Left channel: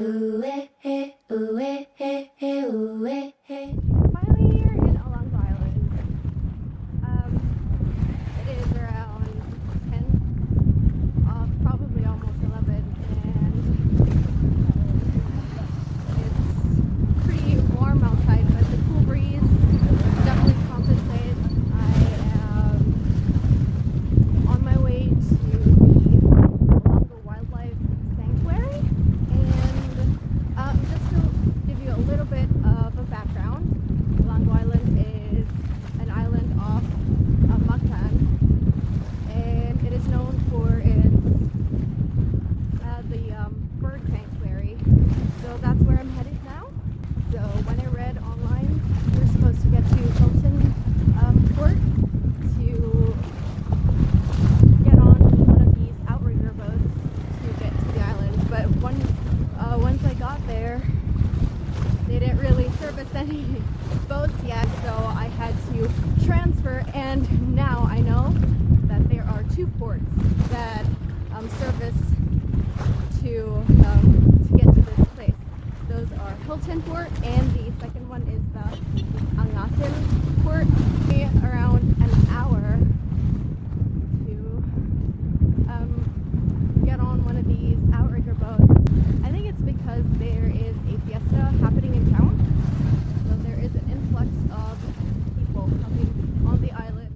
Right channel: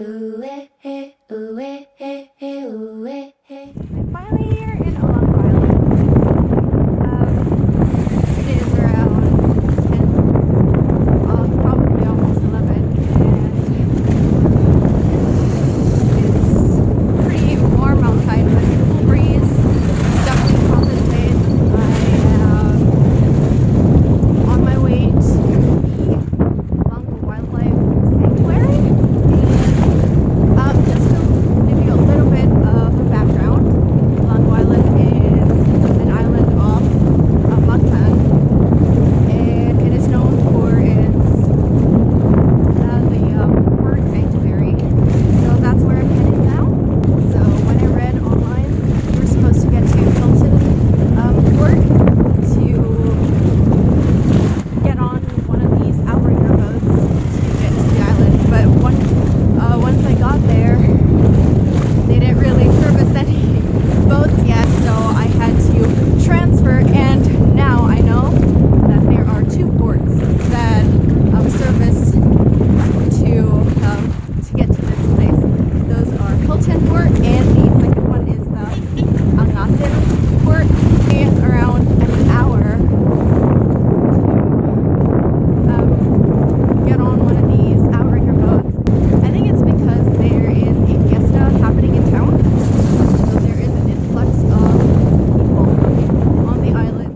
I'm finally here in Oahu Island. It is around 10, probably almost 11, and it's pretty warm outside with a cool breeze. Definitely compensates. I am on my way to the Oahu Wildlife Sanctuary, and just to give you a little bit of a background, Oahu Island is an island off Mactan, and it is known for its bird sanctuary. So that's where I'm headed now. So when I read online, we're supposed to get to Hilton Port to get on one of these outrigger boats to get to the island. But once I got there, they didn't really service any boats yet, so I had to transfer, and now I know that there are two ports that service to get to this place. Those are Hilton Port, and the second one is the Angasin Port, and around an hour to get on one of these outrigger boats. I think it's because there is a fiesta happening in town, so there is an influx of people on the island.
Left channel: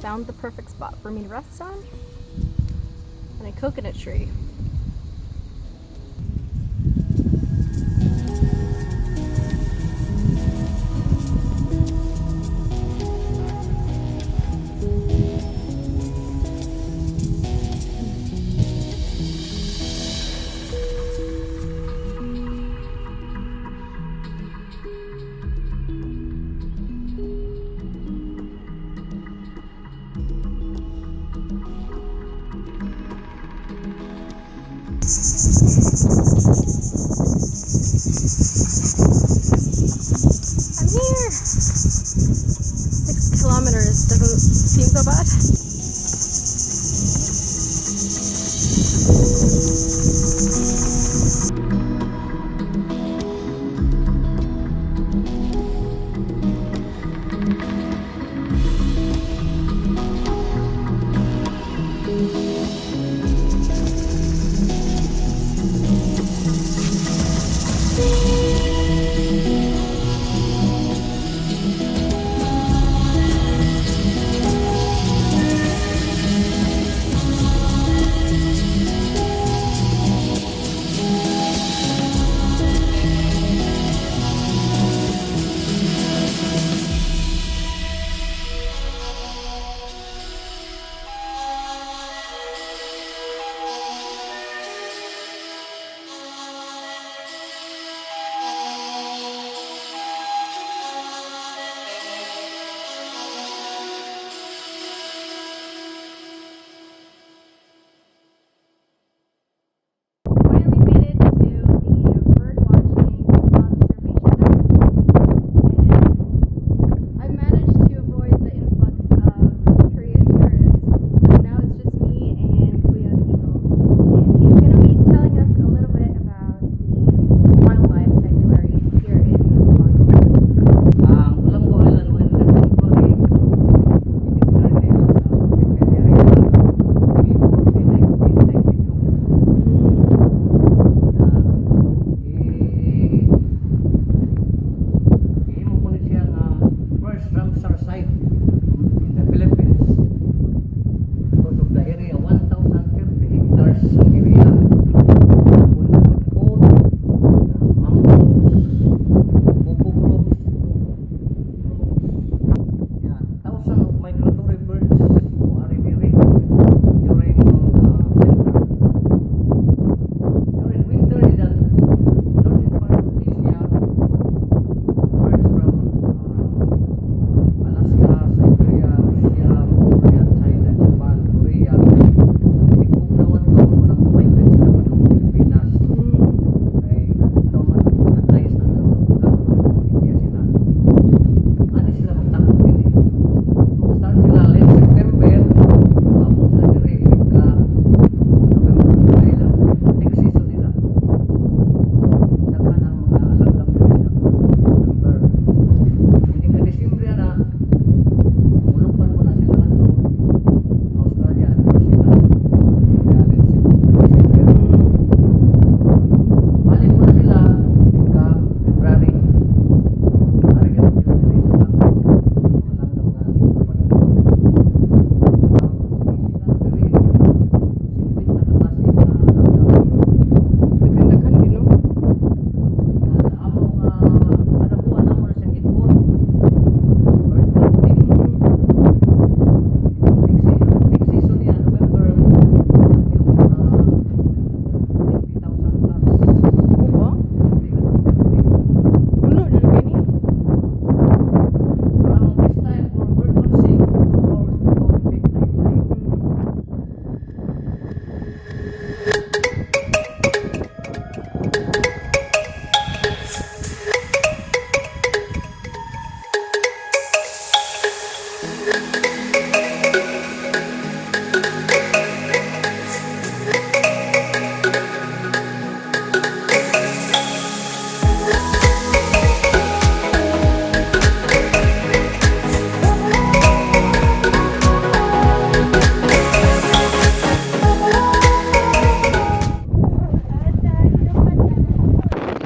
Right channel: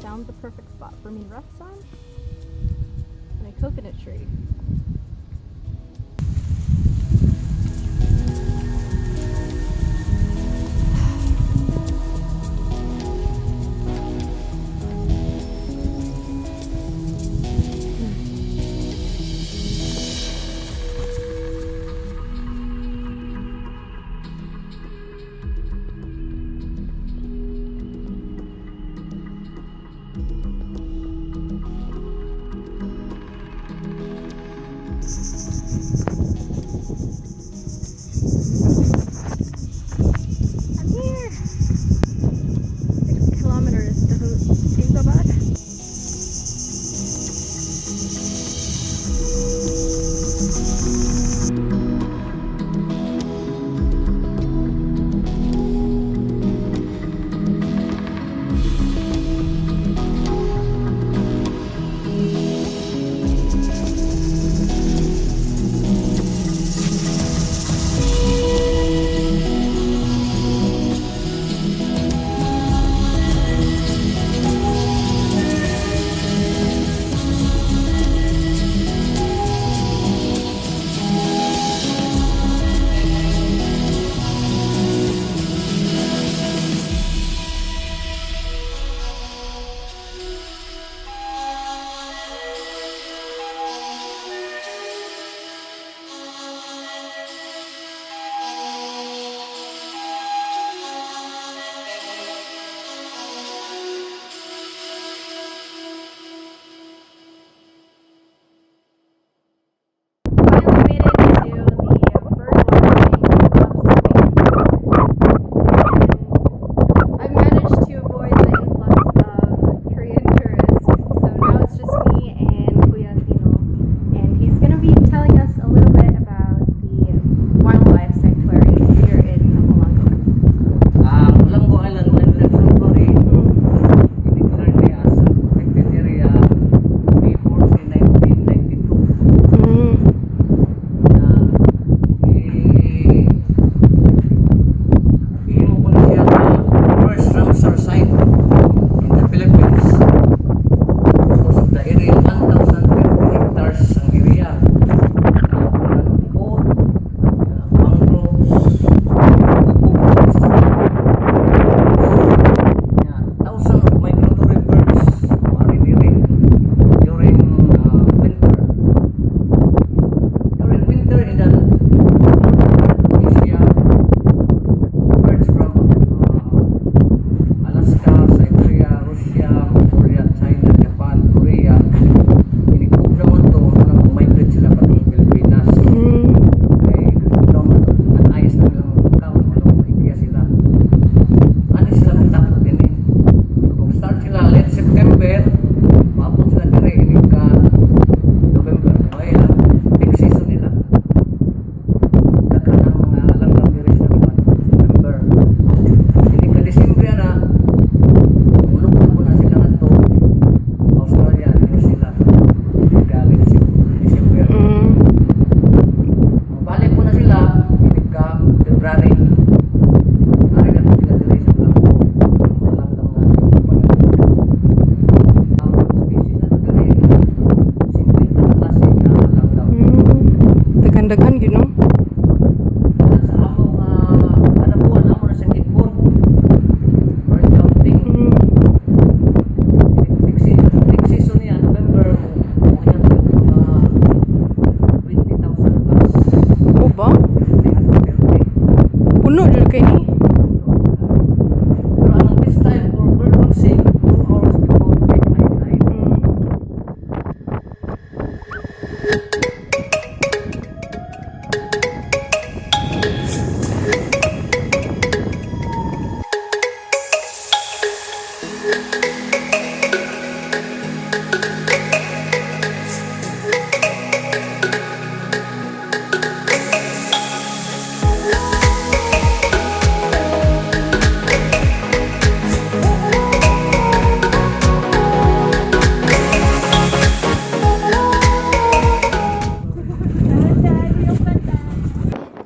Found the perfect spot for me to rest on, and a coconut tree.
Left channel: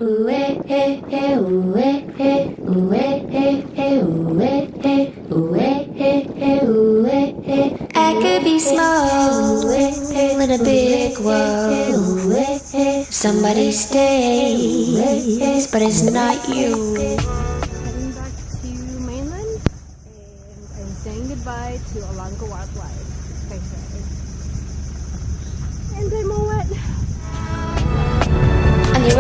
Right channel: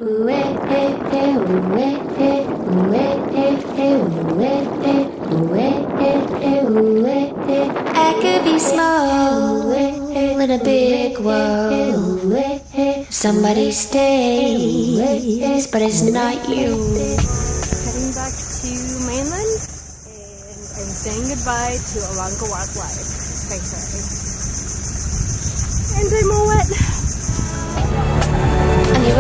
I could be small in a big world. Somebody stays, but it's not you. Heading back to mainland, and I'm saying goodbye to Alanga Wildlife Sanctuary. And I'm all wet. On your